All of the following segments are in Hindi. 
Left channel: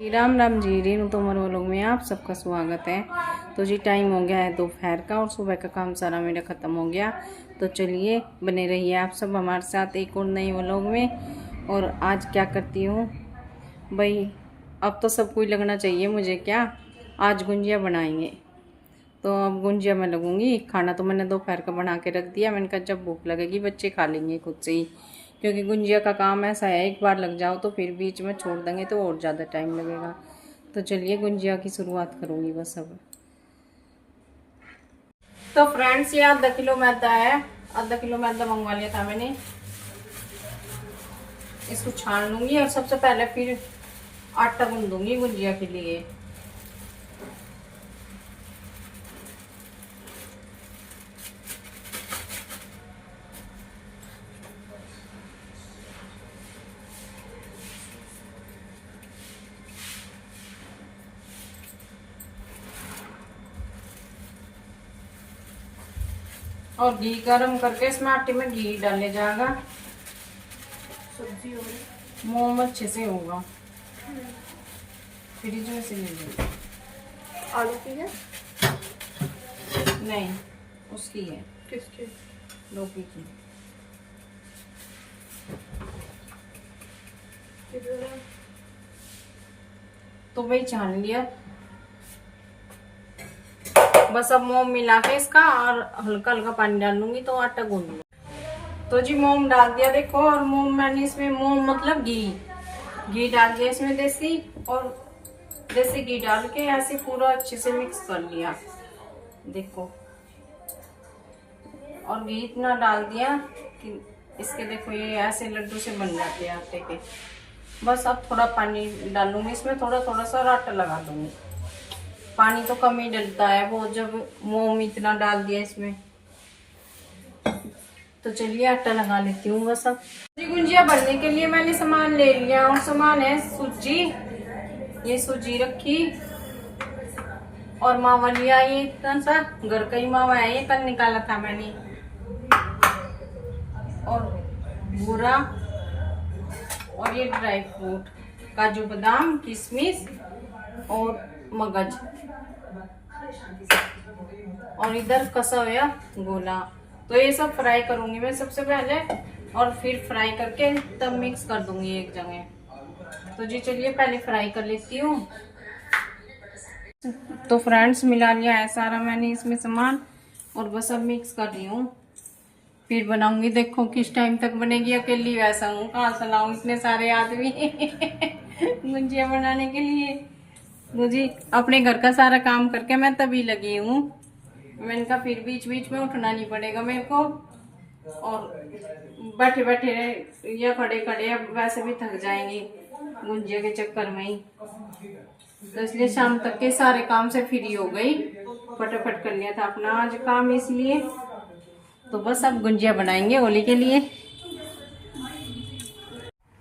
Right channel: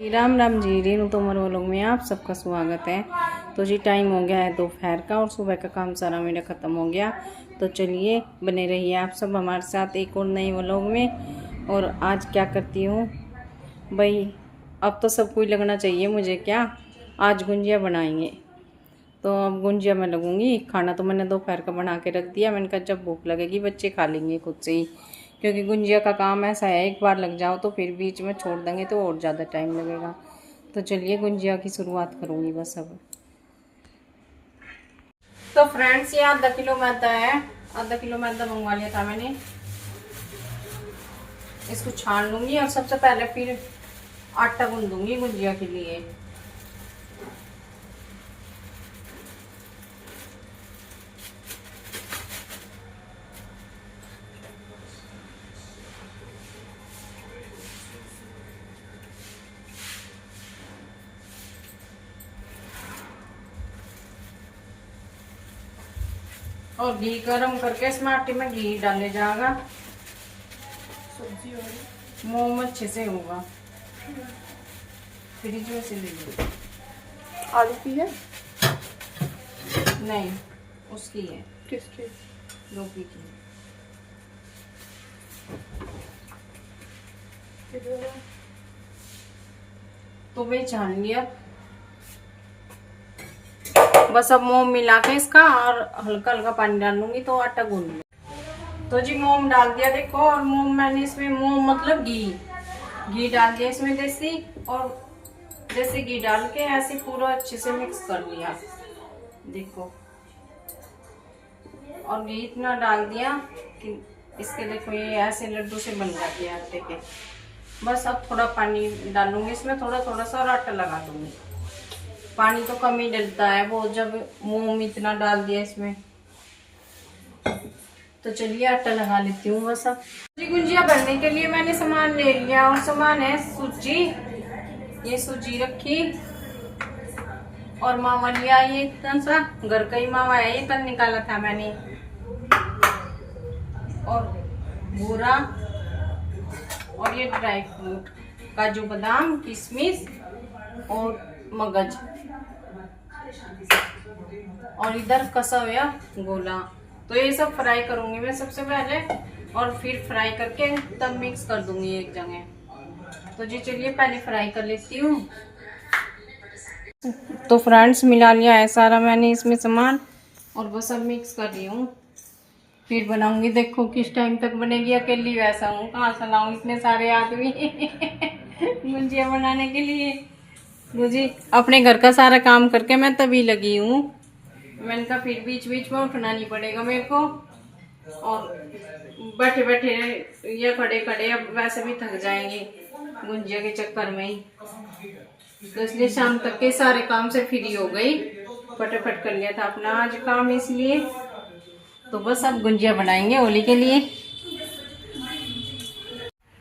राम राम जी। रेनू तोमर व्लॉग में आप सबका स्वागत है। तो जी टाइम हो गया है दोपहर का और सुबह का काम सारा मेरा ख़त्म हो गया। तो चलिए बने रहिए आप सब हमारे साथ एक और नए व्लॉग में। और आज क्या करती हूँ भाई, अब तो सब कुछ लगना चाहिए मुझे। क्या आज गुंजिया बनाएंगे, तो अब गुंजिया मैं लगूंगी। खाना तो मैंने दोपहर का बना के रख दिया। मैंने कहा जब भूख लगेगी बच्चे खा लेंगे खुद से ही, क्योंकि गुंजिया का काम ऐसा है एक बार लग जाओ तो फिर बीच में छोड़ देंगे तो और ज़्यादा टाइम लगेगा। तो चलिए गुंजिया की शुरुआत करूँगी बस अब। तो फ्रेंड्स ये आधा किलो मैदा है। आधा किलो मैदा मंगवा लिया था मैंने। इसको छान लूँगी और सबसे पहले फिर आटा गूंदूंगी गुंजिया के लिए। और घी गरम करके इसमें आटे में घी डाले जाएगा। सब्जी मोम अच्छे से होगा। फ्रिज में से ले लो। आलू की है? नहीं उसकी है। किसकी? लौकी की। तो वही छान लिया। बस अब मोम मिला के इसका और हल्का हल्का पानी डालूंगी तो आटा गूंद लूंगी। तो जी मोम डाल दिया देखो। और मोम मैंने इसमें, मोम मतलब घी डाल दिया इसमें देसी। और देसी घी डाल के ऐसे पूरा अच्छे से मिक्स कर लिया देखो। और घी इतना डाल दिया कि इसके देखो ये ऐसे लड्डू से बन जाते हैं आटे के। बस अब थोड़ा पानी डालूंगी इसमें, थोड़ा थोड़ा सा, और आटा लगा दूंगी। पानी तो कम ही डलता है वो, जब मोम इतना डाल दिया इसमें। तो चलिए आटा लगा लेती हूँ बस अब। गुंजिया बनने के लिए मैंने सामान ले लिया। और सामान है सूजी। ये सूजी रखी और मावा लिया। ये इतना सा घर का ही मावा है, ये कल निकाला था मैंने। और बूरा और ये ड्राई फ्रूट, काजू बादाम किशमिश और मगज। और इधर कसा हुआ गोला। तो ये सब फ्राई करूंगी मैं सबसे पहले, और फिर फ्राई करके तब मिक्स कर दूंगी एक जगह। तो जी चलिए पहले फ्राई कर लेती हूँ। तो फ्रेंड्स मिला लिया है सारा मैंने इसमें सामान, और बस अब मिक्स कर रही हूँ। फिर बनाऊंगी, देखो किस टाइम तक बनेगी। अकेली वैसा हूँ, कहाँ से लाऊं इतने सारे आदमी गुंजिया बनाने के लिए। तो जी अपने घर का सारा काम करके मैं तभी लगी हूँ। मैंने कहा फिर बीच बीच में उठना नहीं पड़ेगा मेरे को, और बैठे बैठे या खड़े खड़े अब वैसे भी थक जाएंगे गुंजिया के चक्कर में ही। तो इसलिए शाम तक के सारे काम से फ्री हो गई, फटाफट कर लिया था अपना आज काम इसलिए। तो बस अब गुंजिया बनाएंगे होली के लिए।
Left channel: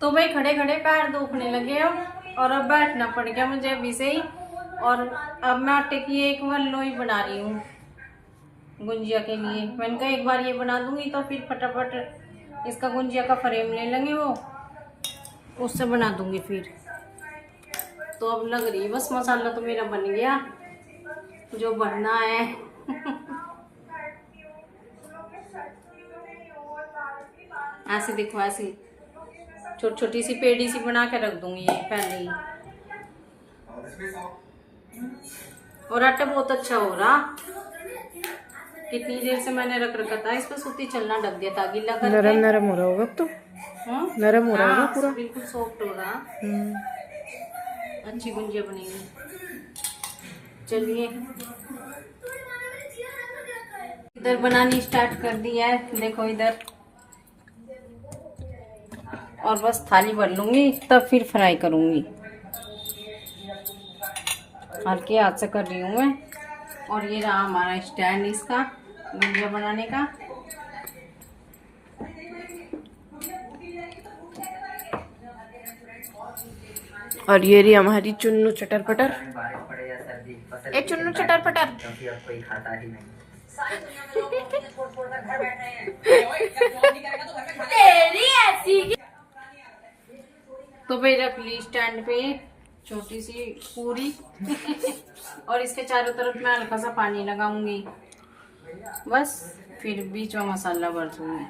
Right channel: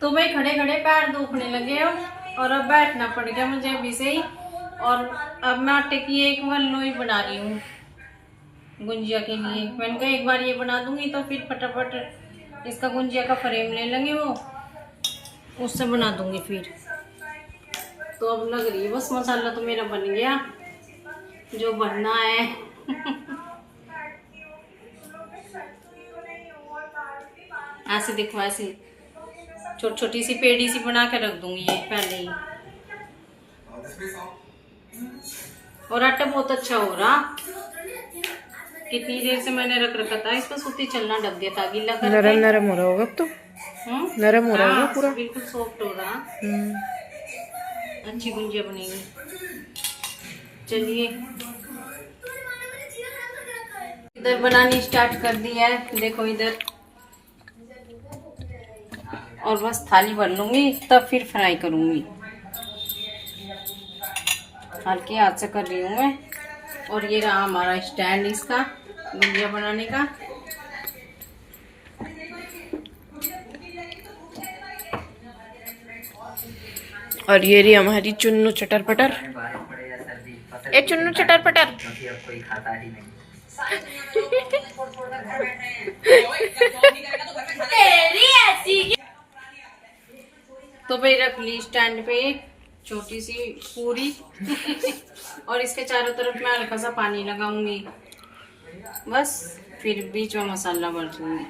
तो भाई खड़े खड़े पैर दुखने लगे और अब बैठना पड़ गया मुझे अभी से ही। और अब मैं आटे की एक लोई बना रही हूँ गुंजिया के लिए। मैंने कहा एक बार ये बना दूंगी तो फिर फटाफट इसका गुंजिया का फ्रेम ले लेंगे, वो उससे बना दूंगी फिर। तो अब लग रही है बस, मसाला तो मेरा बन गया जो बनना है ऐसे देखो, ऐसे छोटी छोटी सी पेड़ी सी बना के रख दूंगी ये पहले ही। और आटा बहुत अच्छा हो रहा। कितनी देर से मैंने रख रखा था, इस पर सूती चलना डब दिया था गीला करके। नरम नरम हो रहा होगा अब तो। नरम हो रहा होगा पूरा, बिल्कुल सॉफ्ट हो रहा। अच्छी गुंजिया बनेगी। चलिए इधर बनानी स्टार्ट कर दी है देखो इधर। और बस थाली भर लूंगी तब फिर फ्राई करूंगी। हल्के हाथ से कर रही हूँ मैं। और ये रहा हमारा स्टैंड इसका गुंजिया बनाने का। और ये रही हमारी चुन्नू चटर पटर। ए चुन्नू चटर पटर तो भाई रख ली स्टैंड पे छोटी सी पूरी और इसके चारों तरफ मैं हल्का सा पानी लगाऊंगी, बस फिर बीच में मसाला भर दूंगी।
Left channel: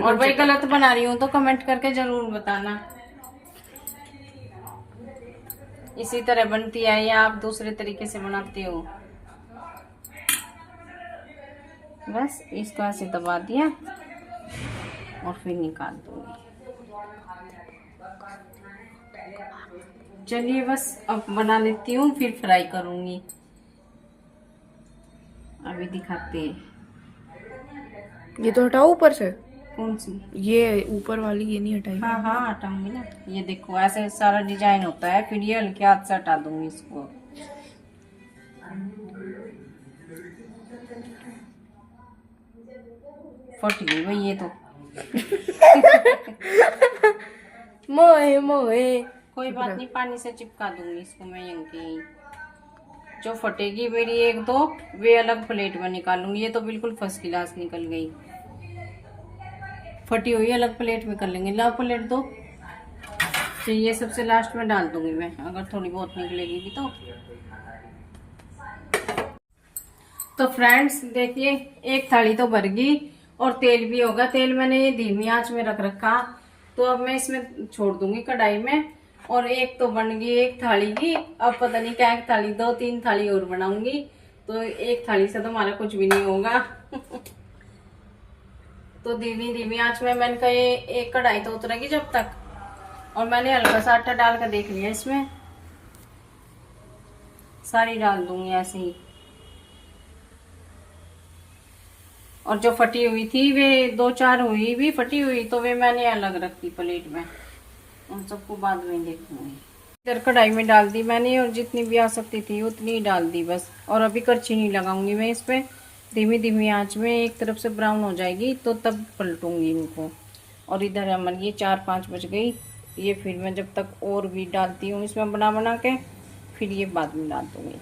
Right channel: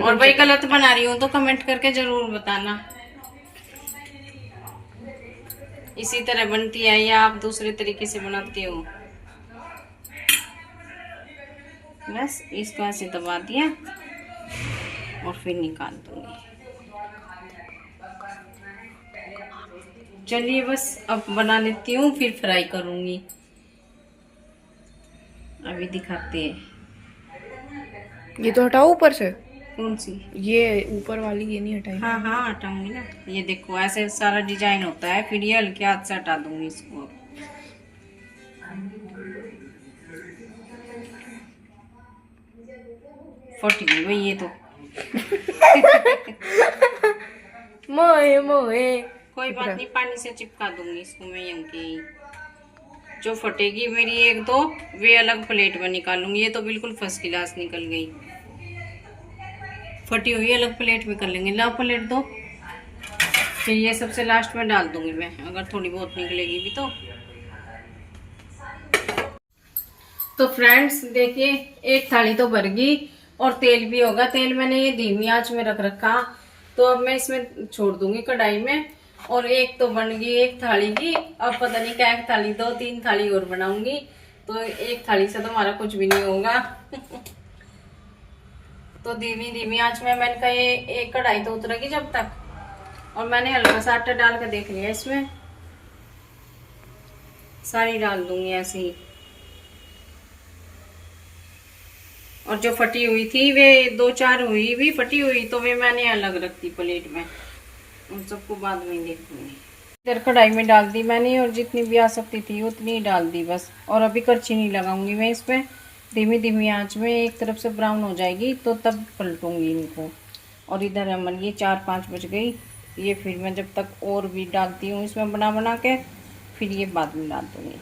और भाई गलत बना रही हूँ तो कमेंट करके जरूर बताना। इसी तरह बनती है या आप दूसरे तरीके से बनाते हो। बस इसको ऐसे दबा दिया और फिर निकाल दूंगी। चलिए बस अब बना लेती हूँ, फिर फ्राई करूंगी। अभी दिखाते हैं। ये तो हटाओ ऊपर से। कौन सी? ये ऊपर वाली, ये नहीं हटाई। हाँ हाँ हटाऊंगी ना। ये देखो ऐसे सारा डिजाइन होता है, फिर ये हल्के हाथ से हटा दूंगी इसको। फट गई भाई ये तो। मोए मोए। कोई बात नहीं, पानी से चिपका दूंगी इसको मैं यहीं के ही। जो फटेगी मेरी एक दो, वे अलग प्लेट में निकालूंगी। ये तो बिल्कुल फर्स्ट क्लास निकल गई। फटी हुई अलग प्लेट में कर लेंगे। ला प्लेट दो, फिर ये सबसे लास्ट में डाल दूंगी मैं, अगर थोड़ी बहुत निकलेगी भी तो फ्रेंड्स देखिए, एक थाली तो भर गई और तेल भी होगा। तेल मैंने ये धीमी आंच में रख रखा, तो अब मैं इसमें छोड़ दूंगी कढ़ाई में। और एक तो बन गई एक थाली की, अब पता नहीं क्या एक थाली, 2-3 थाली और बनाऊंगी, तो एक थाली से तो हमारा कुछ भी नहीं होगा। तो धीमी धीमी आंच में मैंने कहा ये एक कढ़ाई तो उतरेगी जब तक। और मैंने हल्का सा आटा डाल के देख लिया, इसमें सारी डाल दूंगी ऐसे ही। और जो फटी हुई थी वे 2-4 हुई भी फटी हुई, तो वे मैंने अलग रखती प्लेट में, उन सबको बाद में देखूंगी। इधर कढ़ाई में डाल दी मैंने, और जितनी भी आ सकती थी उतनी ही डाल दी बस। और अभी करछी नहीं लगाऊंगी मैं इस पे, धीमी धीमी आंच में एक तरफ से ब्राउन हो जाएगी तो तब पलटूंगी इनको। और इधर हमारी ये 4-5 बज गई। ये फिर मैं जब तक और भी डालती हूँ इसमें बना बना के, फिर ये बाद में डाल दूंगी।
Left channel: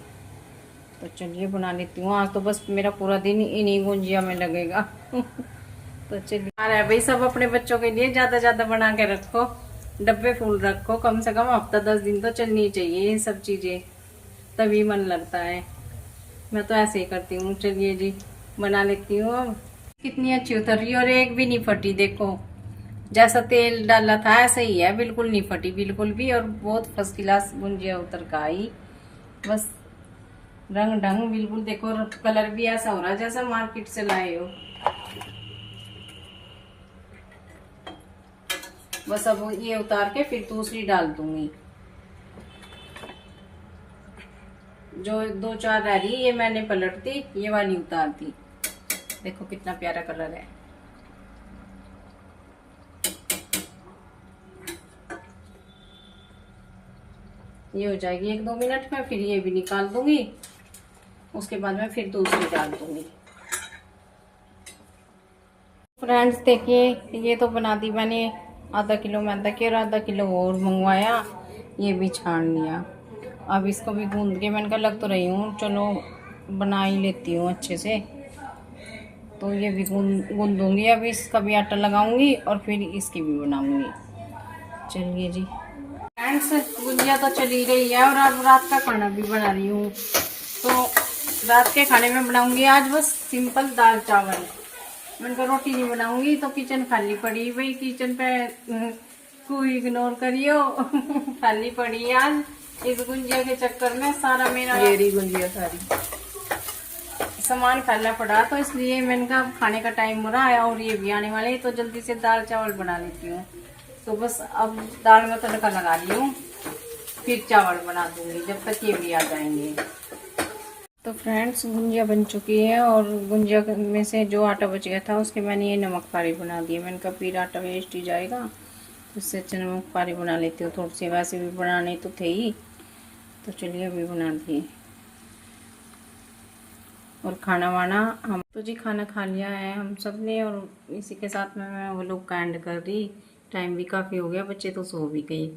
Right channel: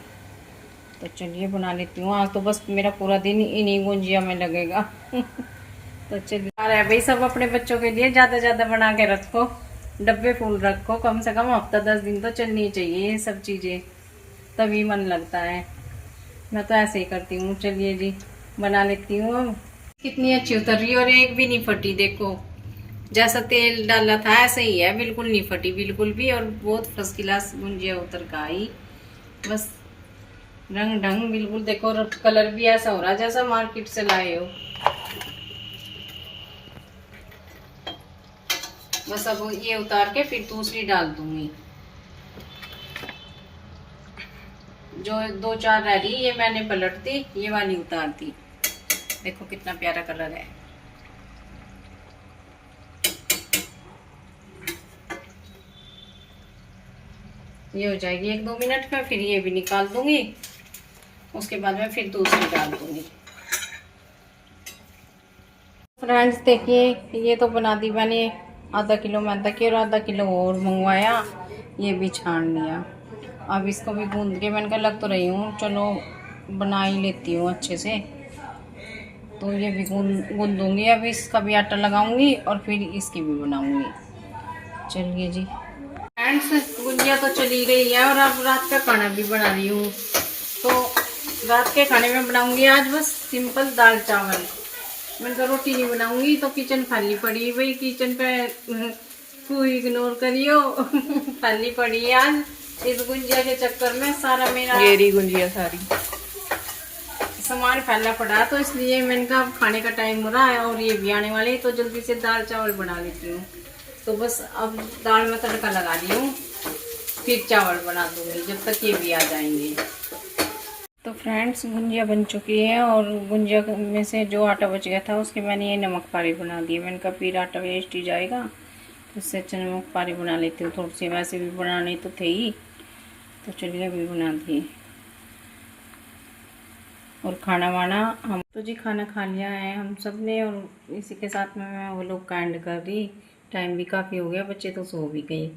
तो चलिए बना लेती हूँ। आज तो बस मेरा पूरा दिन इन्हीं गुंजिया में लगेगा। तो चलिए अरे भाई, सब अपने बच्चों के लिए ज़्यादा ज़्यादा बना के रखो, डब्बे फुल रखो, कम से कम हफ्ता 10 दिन तो चलनी चाहिए ये सब चीज़ें, तभी मन लगता है। मैं तो ऐसे ही करती हूँ। चलिए जी बना लेती हूँ। अब कितनी अच्छी उतर रही, और एक भी नहीं फटी। देखो जैसा तेल डाला था ऐसे ही है, बिल्कुल नहीं फटी बिल्कुल भी। और बहुत फर्स्ट क्लास गुंजिया उतर का आई, बस रंग ढंग बिल्कुल। देखो कलर भी ऐसा हो रहा है जैसा मार्केट से लाए हो। बस अब ये उतार के फिर दूसरी डाल दूंगी। जो 2-4 रह रही ये मैंने पलट दी, ये वाली उतार दी। देखो कितना प्यारा कलर है। ये हो जाएगी 1-2 मिनट में, फिर ये भी निकाल दूंगी। उसके बाद में फिर दूसरी डाल दूंगी। फ्रेंड्स देखिए, ये तो बना दी मैंने आधा किलो मैदा की, और आधा किलो और मंगवाया, ये भी छान लिया। अब इसको भी गूंद के मैंने कहा लग तो रही हूँ, चलो बना ही लेती हूँ अच्छे से। तो ये भी गूंदूंगी। अब इसका भी आटा लगाऊंगी और फिर इसकी भी बनाऊंगी। चलिए जी फ्रेंड्स, गुंजिया तो चली रही है और अब रात का खाना भी बना रही हूँ। तो रात के खाने में बनाऊंगी आज बस सिंपल दाल चावल। मैंने कहा रोटी नहीं बनाऊंगी, तो किचन खाली पड़ी भाई, किचन पे तू इग्नोर करियो। खाली पड़ी है आज, इस गुंजिया के चक्कर में सारा मेरा ये गुंजिया सारी सामान फैला पड़ा, तो इसलिए मैंने कहा खाने का टाइम हो रहा है और ये भी आने वाले, तो जल्दी से दाल चावल बना लेती हूँ। तो बस अब दाल में तड़का लगा रही हूँ, फिर चावल बना दूंगी जब तक ये भी आ जाएंगे। तो फ्रेंड्स गुंजिया बन चुकी है, और गुंजिया में से जो आटा बच गया था उसके मैंने ये नमक पारी बना दी। मैंने कहा फिर आटा वेस्ट ही जाएगा, तो उससे अच्छा नमक पारी बना लेती हूँ थोड़ी सी। वैसे भी बनाने तो थे ही, तो चलिए अभी बना दिए। और खाना वाना हम तो जी खाना खा लिया है हम सब ने, और इसी के साथ में मैं वो लोग का एंड कर रही। टाइम भी काफ़ी हो गया, बच्चे तो सो भी गए।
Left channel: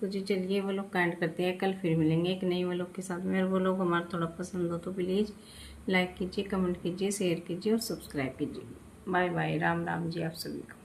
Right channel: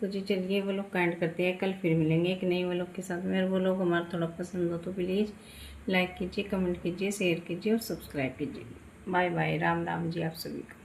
तो जी चलिए वो लोग का एंड करते हैं, कल फिर मिलेंगे एक नई वो लोग के साथ में। वो लोग हमारा थोड़ा पसंद हो तो प्लीज़ लाइक कीजिए, कमेंट कीजिए, शेयर कीजिए और सब्सक्राइब कीजिए। बाय बाय, राम राम जी आप सभी को।